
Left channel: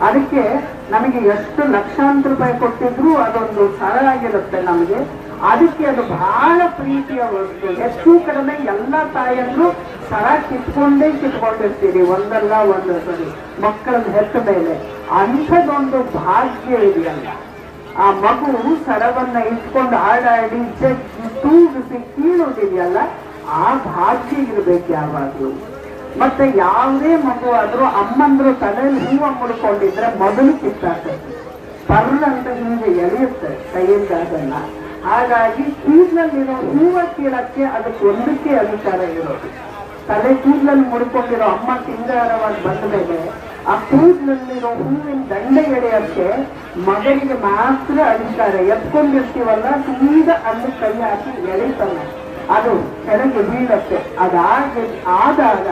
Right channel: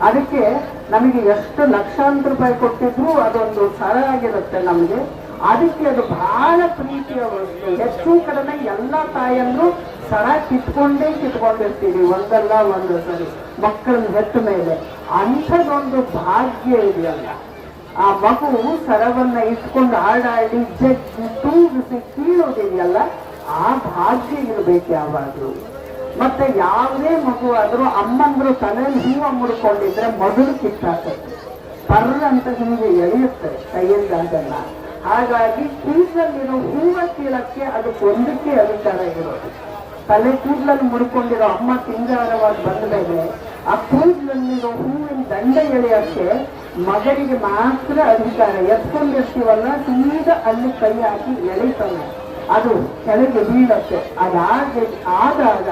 ಅದಕ್ಕೆ ನಮಗೆ ಎಷ್ಟು ಲಕ್ಷಾಂತರ ರೂಪಾಯಿ ಕೊಟ್ಟಿದ್ರು ಅದೊಂದು ಸರ ಆಗಿರುತ್ತೆ ನಮಗೆ. ಅದಕ್ಕೆ ಅದು ಬಹಳ ಪ್ರೀತಿಯ ವಸ್ತು. ಹೆಚ್ಚು ಕಡಿಮೆ ಎಲ್ಲ ತಾಯಂದ್ರು ಸರ ಕಿತ್ಕೊಂಡೇ ಕಿತ್ಕೊಂಡಿರ್ತೀವಿ ಒಂದಲ್ಲ ಒಂದು ಸರಿ. ಮಕ್ಕಳನ್ನ ಹೆತ್ತ ಮೇಲೆ. ಅಂಥದ್ದೊಂದು ಭಾಗ್ಯ ಇದೆಯಲ್ಲ. ಆ ಮಗು ಸರವನ್ನ ಇಟ್ಕೊಂಡು ಆಡಾಡಿ ಜಗ್ಗಿ ತೂಗಿಸಿ ಕೀಳೋದಿದೆಯಲ್ಲ. ಆ ಭಾಷೆ ಇರ್ಬೇಕು ಯಾವಾಗಲೂ ಮತ್ತೆ ಯಾವುದೇ ಮಗು ಆದ್ರೂ ಅಮ್ಮಂದ್ರು ತಲೆಯಲ್ಲಿ ಹೂವು ಮುಡ್ಕೊಂಡಿದ್ರೆ ಮೊದಲು ಕಿತ್ತಾಕ ಪರ್ರ ಅಂತ ಹಿಂದೆ ಎಳೆಯುತ್ತೆ, ಕೈಯಿಂದ ಅದನ್ನ. ಹಾಗಾಗಿ ಕೂದಲಲ್ಲಿರೋ ಹೂವ ಕೀಳಕ್ಕೆ ಅದಕ್ಕೆ ಒಂದಕ್ಕೆ ಅಧಿಕಾರ ಇರೋದು. ತಲೆ ಕೂದಲಲ್ಲಿ ಮುಡ್ಕೊಂಡಿರೋ ಅಮ್ಮ ಸಿಂಗಾರವಾಗಿ ಬಂದ ಮೇಲೆ ಆ ಕೂದಲಲ್ಲಿರೋ ಹೂವಿನ ದಂಡ ಎಳೆಯಕ್ಕೆ ಮಗನಿಗೆ ಮಾತ್ರ ಅಧಿಕಾರ. ಎತ್ಕೊಂಡಿರ್ತೀವಲ್ಲ ಸೀದಾ ಅಲ್ಲಿ ಕೈ ಹಾಕಿ ಎಳಿತಾನೆ. ಅದು ಕೆಳಗೆ ಬೀಳತ್ತೆ. ಅದಾಗಿ ಆದಾಗ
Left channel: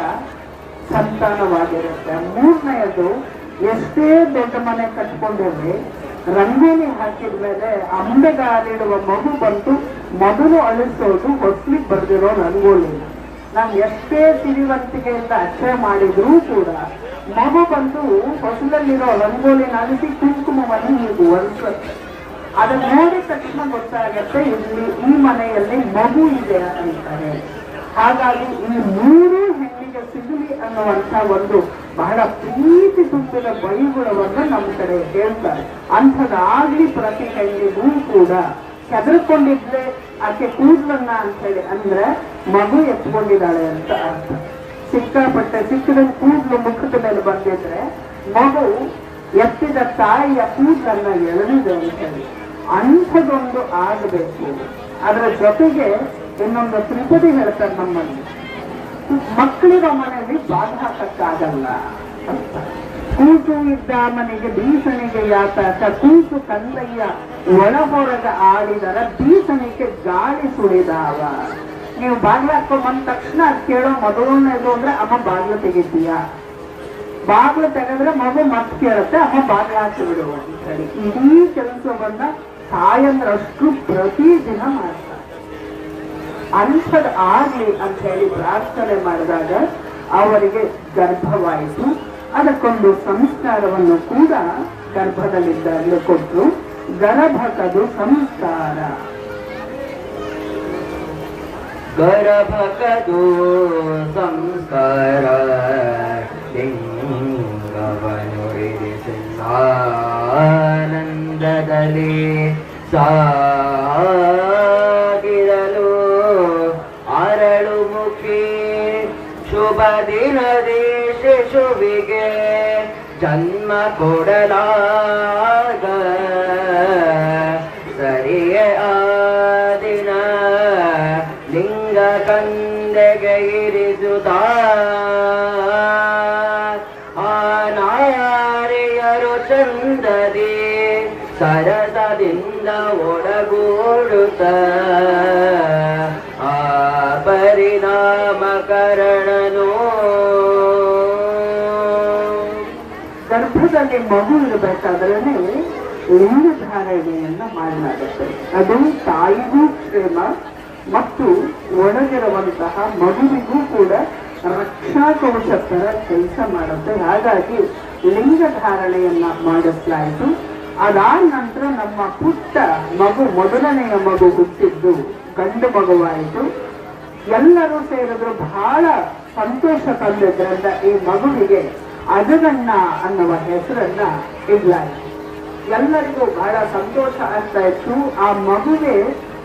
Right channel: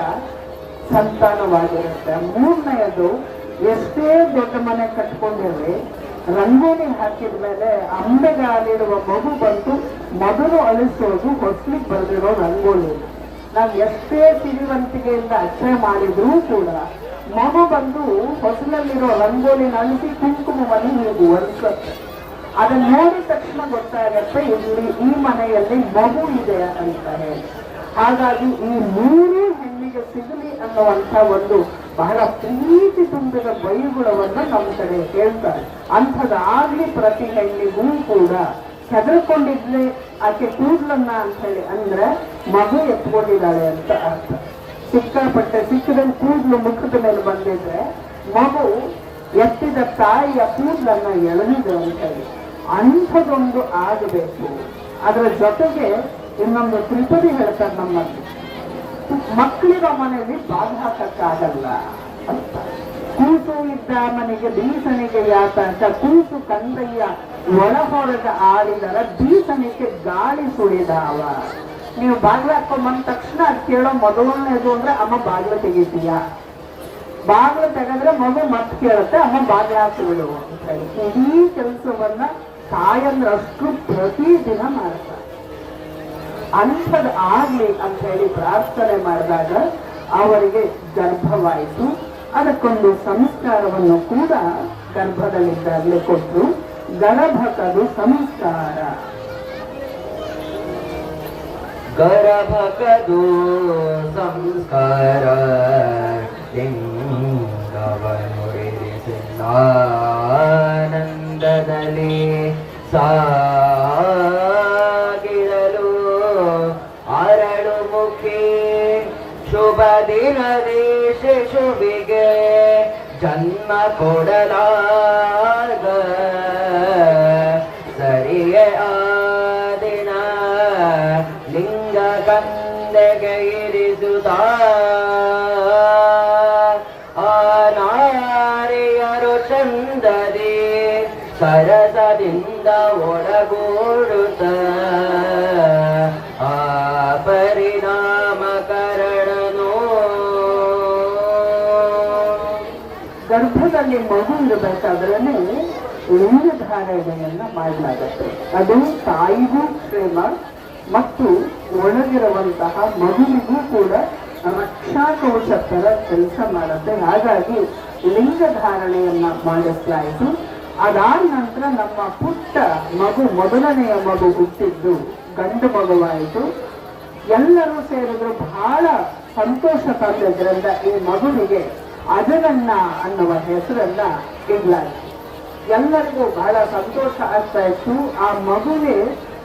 ಸಂತಾನವಾಗಿರುತ್ತೆ. ಮೂರನೆಯದು, ಎಷ್ಟೇ ದೊಡ್ಡ ಮನೆ ಕಟ್ಕೊಂಡಿರಲಿ ರಂಗಿನಿ ಹಾಕಿದ ಮೇಲೆ ಅಂಬೆಗಾಲಿಡುವ ಮಗು ಬಂತು ಮೊದಲು ಅಳಿಸೋದು ಹೊಸ್ಲಿಕ್ ಬರೆದಿರೋ ರಂಗೋಲಿ. ನಾವು ಎಷ್ಟೇ ಸಿರಿವಂತಿಕೆಯಿಂದ ಅಚ್ಚೆ ಮಾಡಿದ್ರೂ ಕೂಡ ಮಗು ಬಂದು ಹೊಸಲಲ್ಲಿರೋ ರಂಗೋಲಿನ ಅಳಿಸಿ ಕುಂಕುಮವನ್ನು ನೀವು ಒರೆಸುತ್ತೆ ಅದನ್ನ ನೋಡಿದ ತಕ್ಷಣ ಗೊತ್ತಾಗತ್ತೆ, ಇಲ್ಲಿ ಈ ಮನೆಯಲ್ಲಿ ಮಗು ಇದೆ ಅಂತ ಹೇಳಿ ಹಾಗಾಗಿ ಈ ಮೂರು ಹೆಣ್ಣಿಗೆ ಸಿಗಲಿ ಅನ್ನುವಂತ ಒಂದು ಬಹಳ ಪ್ರೀತಿ ತುಂಬಿದ ಬೈಗುಳವನ್ನು ನಮ್ಮ ಕಡೆ ಹೇಳ್ತಾರೆ. ಅಂಥದ್ದಾಗ್ಲಿ ಪ್ರತಿ ಹೆಣ್ಣಿಗೂ ಕೂಡ ಹೆದರ್ಕೊಂಡಿದ್ಲೆ, ಆಕೆ ಅಂತ ಹೇಳಿ ಅಂದ್ರೆ ಮಗು ಎತ್ಕೊಂಡಿದ್ದಾಳೆ ಅಂತ ಅರ್ಥ. ಸಿಕ್ಕಾಪಟ್ಟೆ ಸಿಕ್ಕದಂಗೆ ಕೂದಲು ಮುಖದ ಮೇಲೆ ಬಂದಿದ್ರೆ ಮಗು ಎತ್ತಿದ ತಾಯಿಯ ಕೂದಲನ್ನ ಎಳೆದಿದೆ ಅಂತ ಅಂಥದೊಂದು ಆಗಬೇಕು. ಅದರ ಜೊತೆಗೆ ಇನ್ನೊಂದು ತ್ರಿಪದಿ ಹೇಳ್ತಾರೆ ನಮ್ಮಲ್ಲಿ ಮಕ್ಕಳಿರೋ ಮನೆಯಲ್ಲಿ ಬಾಲ್ ಹಾಕಕ್ಕಾಗಲ್ಲ ಇದ್ದ ಮನೆಗೆ ಬೀಸಣಿಗೆ ಯಾತಕ ತೂಕು ಕಂದಯ್ಯ ಒಳ ಹೊರಗ ಆಡಿದರ ಬೀಸಣಿಗೆ ಗಾಳಿ ಸುಳಿದಾವ ನೀವು ಹಾಕೋ ಬಂದ ತಕ್ಷಣ ಅದ್ ಕೇಳೋ ಮೊದಲನೇದು ಅಂದ್ರೆ, ಅಮ್ಮ ಬಾಗ್ಲ ತೆಗಿತೀಯ? ಬಾಗ್ಲ ತೆಗೆದ್ರೆ ಮಗು ಮತ್ತೆ ಕೇಳುತ್ತೆ, ಅಮ್ಮ ಬಾಗಿಲು ಹಾಕಿ ಬಿಡುವ ಅಂತ ಇಡೀ ಕೆಲಸವನ್ನ ತಾಯಂದ್ರಷ್ಟು ಪ್ರತಿದಿನ ಮಾಡ್ತಾರೆ. ಅಂಥದ್ ಆಗ್ಲಿ ಅಂತ ಹೇಳಿ ಪ್ರಾರ್ಥನೆ ಮಾಡಿದಾಗ ಅವರಿಗೆ ಗರ್ಭವಾಯಿತು. ಅದಕ್ಕೊಂದು ಸಂಸ್ಕಾರವನ್ನು ಕೂಡ ಗರ್ಭದಲ್ಲಿದ್ದಾಗಲೇ ಕೊಟ್ಟರು ಗರ್ಭಕದು ಸಂಸ್ಕಾರ. ಗರ್ಭಕದು ಸಂಸ್ಕಾರ. ಲಿಂಗವನು ಆನಂದದಲ್ಲಿ ಸಾಗಿರಲು ಅರಳು ಮುಖಿ ಶುಭ ದಿನದಿ ಶಿಶುವಿಗೆ ಜನ್ಮ ಕೊಡಲಾಗ. ಸರಿಯೇ ಆ ದಿನ ಲಿಂಗ ಕಂದೆಗೆ ಇರಿಸುತ್ತ ಗರ್ಭದಲ್ಲಿ ಮಗು ಲಿಂಗ ಲಿಂಗಧಾರಣೆಯನ್ನು ಮಾಡಲಾಗುತ್ತೆ. ಅದು ತಾಯಿಗೂ ಕ್ಷೇಮ ಮತ್ತು ಒಣಗಿರುವಂತಹ ಮಗುವಿಗೂ ಕೂಡ ರಕ್ಷಾ ತರ ಕೆಲಸ ಮಾಡುತ್ತೆ. ಹಾಗಾಗಿ ಲಿಂಗಧಾರಣೆಯನ್ನ ಮಾಡಿಸಲಾಯಿತು ಅದಾದ ನಂತರ ನಮ್ಮ ಪುಟ್ಟ ಮಗು ಮೊದಲನೆಯ ಮಗು ಹುಟ್ಟಿದ್ದು ಗಂಡು ಮಗುವಾಯಿತು. ಎಲ್ಲರೂ ಸೇರಿದ್ರು. ಬಹಳ ಸಂತೋಷ ತಂದಿದ್ದರಿಂದ ಈ ಮಗುವಿಗೆ ಅಜಗಣ್ಣ ಅನ್ನುವ ಹೆಸರನ್ನ ಇಡಲಾಯಿತು. ಎಲ್ಲರಿಗೂ ಬಹಳ ಸಂತೋಷ ಆಗ್ತಾ ಇತ್ತು ಆ ಮಗುವೆ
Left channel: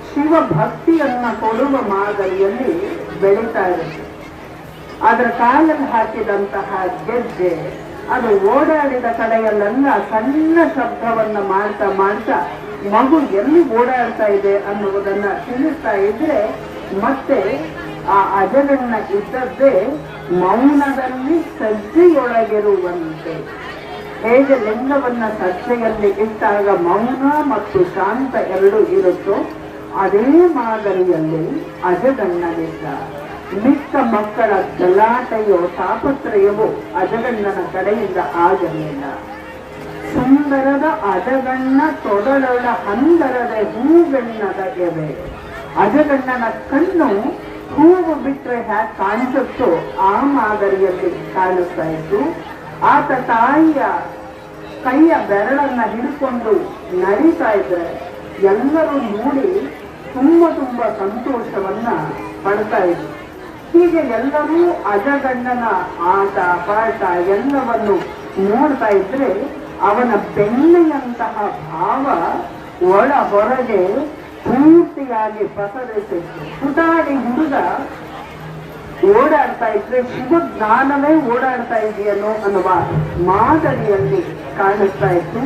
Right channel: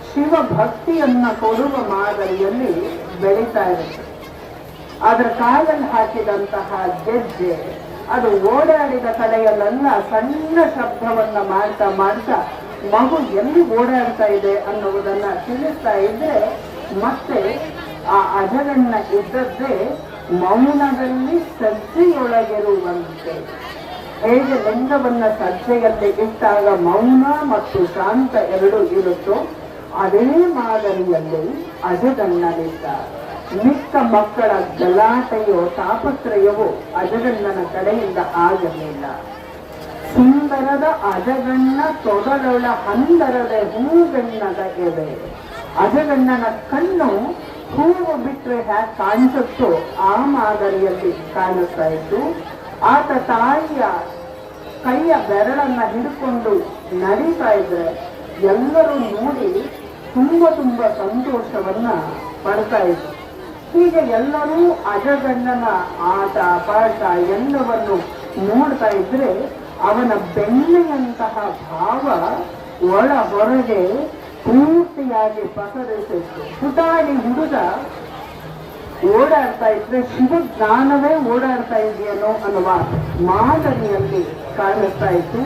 ಶಿವ ಭಕ್ತಿಯನ್ನ ಕೊಡುವ ಮಾದರಿಯಲ್ಲಿ ಬೆಳೀತಾ ಇರುತ್ತೆ. ಅದರ ಕಾಲಲ್ಲಿ ಹಾಕಿದಂತಹ ಗೆಜ್ಜೆ, ಅದು ಓಡಾಡಿದ ಕಡೆಯಲ್ಲೆಲ್ಲ ಸಣ್ಣ ಶಬ್ದವನ್ನ ಮಾಡ್ತಾ ಮಾಡ್ತಾ ಮಗು ಎಲ್ಲಿ ಓಡಾಡ್ತಾ ಇದೆ ಅನ್ನುವುದನ್ನ ತಿಳಿಸ್ತಾ ಇದ್ರೆ ಮತ್ತೆ ಆ ಅಜಗಣ್ಣ ಇದ್ದದ್ದೇ ಮೌನದಲ್ಲಿ ಸಜ್ಜೆಯೊಳಗಿರುವಂತೆ. ಹೇಗೆ ಲಿಂಗವನ್ನ ಸಜ್ಜೆಯಲ್ಲಿ ಇಟ್ಟಾಗ ಮೌನ ಮತ್ತು ಶಾಂತ ಎರಡು ಇರುತ್ತೋ, ಅದೇ ಮಾದರಿಯಲ್ಲಿ ಅಜಗಣ್ಣನಿದ್ದ ಮಿಕ್ಕ ಮಕ್ಕಳ ಗಲಾಟೆಯೋ ತಾಪತ್ರಯವೋ ಅಜಗಣ್ಣನ ಕಡೆಯಿಂದ ಆಗಲಿಲ್ಲ. ಸುಂದರದ ಅಜಗಣ್ಣ ತೊಡಲೊಳ ಹಂದರದ ಹೂಗಣ್ಣದ ಎದೆ. ಅಜಗಣ್ಣನ ಕಣ್ಣು ಹೂವು ಬಿಟ್ರೆ ಹ್ಯಾಕ್ ಕಾಣಿಸುತ್ತೋ ಆ ಮಾದರಿಯಲ್ಲಿ ಕಾಣಿಸ್ತಾ ಇತ್ತು. ಆತ ತಾಯಿಯ ಕೈಯ ಬೆರಳನ್ನ ಹಿಡ್ಕೊಂಡು ನಡೀತಾ ಇದ್ರೆ ಎಲ್ಲರೂ ನೋಡಿ ತುಂಬ ತುಂಬಾ ಸಂತೋಷವನ್ನ ಪಡ್ತಾ ಇದ್ರು. ಹೀಗೆ ಎಲ್ಲರೂ ಅಜಗಣ್ಣನ ಆಟ, ಪಾಠ ಎಲ್ಲವನ್ನು ನೋಡ್ತಾ ಇದ್ರೆ ಅವನ ಬೆಣ್ಣೆಯಂತಹ ಭಾವ ಒಳ ಹೊರಗೆ ಪೂರ್ತಿಯಾಗಿ ಪಸರಿಸಿ ಪುಟಾಣಿ ಹುಡುಗ ಓಡಾಡ್ತಾ ಇದ್ರೆ ಶಿವಜ್ಞಾನವೇ ಓಡಾಡ್ತಾ ಇದೆಯೇನೋ ಅನ್ನುವ ಮಾದರಿಯಲ್ಲಿ ಕಾಣಿಸ್ತಾ ಇತ್ತು.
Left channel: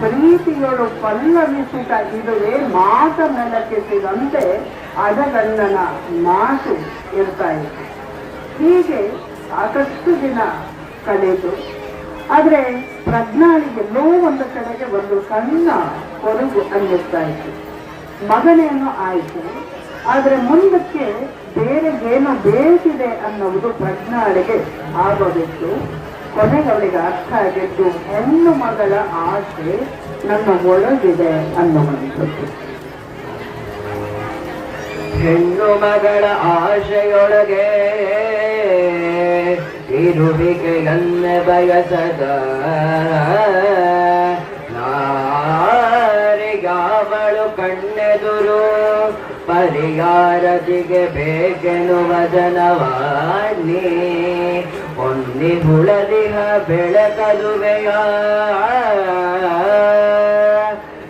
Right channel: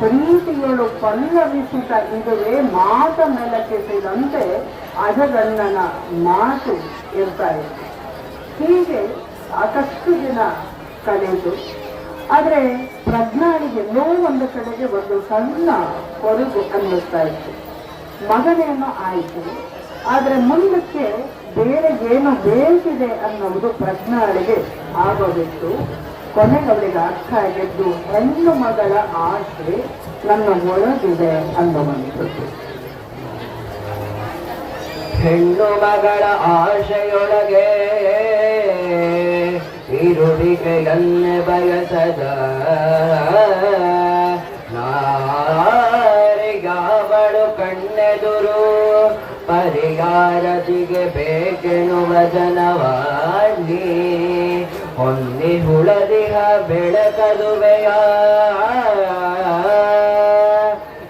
ಪ್ರೀತಿಗಳು ಪಲ್ಲವಿಸಿದ ಇದುವೇ ಮಾತ ನೆಲಕ್ಕೆಸಿದಂತೆ ಅಜಗಣ್ಣನ ಮಾತು ಇರ್ತಾ ಇತ್ತು. ಹೀಗೆ ಸಾಕಷ್ಟು ದಿನ ಕಳೆದು, ಆದ್ರೆ ಪ್ರಜ್ಞಾಳಿಗೆ ಎಲ್ಲೋ ಒಂದು ಕಡೆಗೆ ಒಂದು ಸಣ್ಣ ಕೊರಗು ಅನ್ನಿಸ್ತಾ ಇತ್ತು. ಮಗನೇನೋ ಆಯಿತು. ಆದ್ರೆ ಮುಂದಕ್ಕೆ ಬೇರೆ ಏನು ಬೇಕಿದೆ ಅನ್ನೋದು ಪ್ರಜ್ಞಾಳಿಗೆ ಆಗಬೇಕು ಕೊನೆಗೆ ಅವಳಿಗೆ ಅರ್ಥ ಆಗಿದ್ದು, ಹೆಣ್ಣು ಮಗಳ ಆಸೆ ನನ್ನ ಒಳಗಿದೆ ಅನ್ನುವಂಥದ್ದು ಹೆಣ್ಣು ಮಗಳ ಆಶೆಯೊಳಗೆ ಇರುವಿಕೆಯನ್ನೇ ಬಯಸದ ಜನವಾಣಿ ಹೊನ್ನಿ ಹುಳದಿಹ ಬೆಳಕಲುವೆಯ.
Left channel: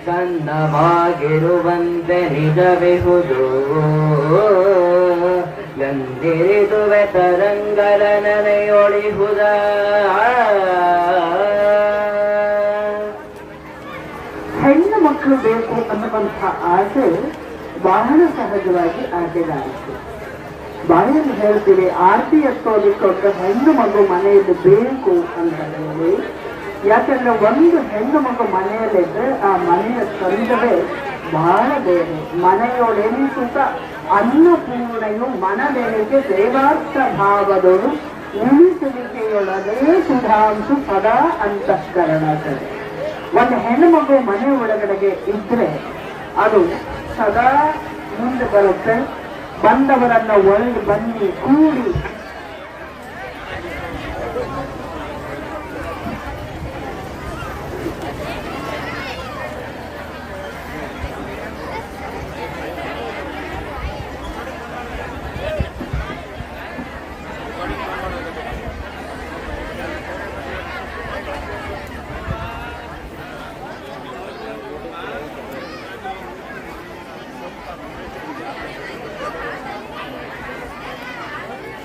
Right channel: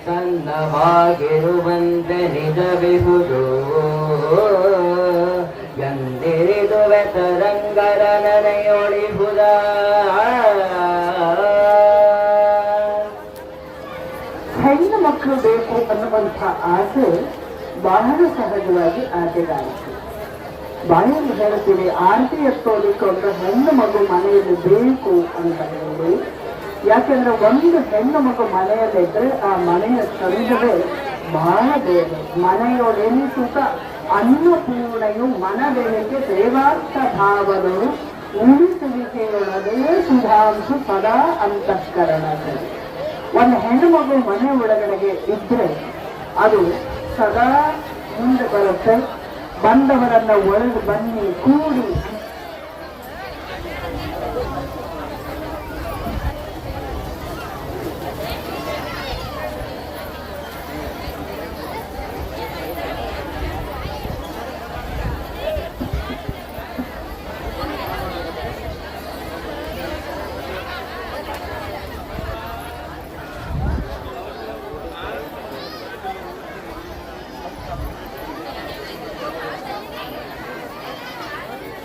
ಸನ್ನವಾಗಿರುವಂತೆ ನಿಜವಿಹುದು. ಎಂದಿರಿದುವೆ ತರಂಗರ ನೆನೆಯೊಳಿಹುದ. ಹೆಣ್ಣು ಮಕ್ಕಳು ಬೇಕು ಅನ್ನುವಂಥ ಆಸೆ ಬಹಳ ಸಹಜವಾಗಿ ಆಸೆಗಾಯಿತು ಬಾಳೆಯಲ್ಲಿ ಹೇಳ್ತೀವಿ ಆರತಿ ಎತ್ತೋದಕ್ಕೊಂದು ಹೆಣ್ಣು ಮಗು ಮನೆಯಲ್ಲಿ ಬೇಕು ಅಂತ ಹೇಳಿ. ಯಾಕಂದ್ರೆ ಒಂದು ಹೆಣ್ಣು ಮಗು ಮನೆಯಲ್ಲಿದ್ರೆ ಆ ಮನೆಯ ಸಂದವೇ ಬಹಳ ಬೇರೆ ಮನೆಯೊಡೆನಿಸುತ್ತ ಅನ್ನಪೂರ್ಣೆಯು ಮನದೇಹಕ್ಕೆ ದೇವಾರ್ಥ ಭಾವದಳು ಉಳಿಸುವಿಕೆಯೊಳಗೆ ಸುಧಾಂಶು ಸದಾ ಅಂತಃಕರಣಗಳು. ಒಂದು ಹೆಣ್ಣು ಮಗು ಮನೆ ಒಳಗಡೆಗೆ ಇದ್ರೆ ಅದು ಸದಾ ಮುಂದೆ ಬರುತ್ತೆ. ಬಂದವರನ್ನ ಒಳಗೆ ಬನ್ನಿ ಕೂಡಿ ಅಂತ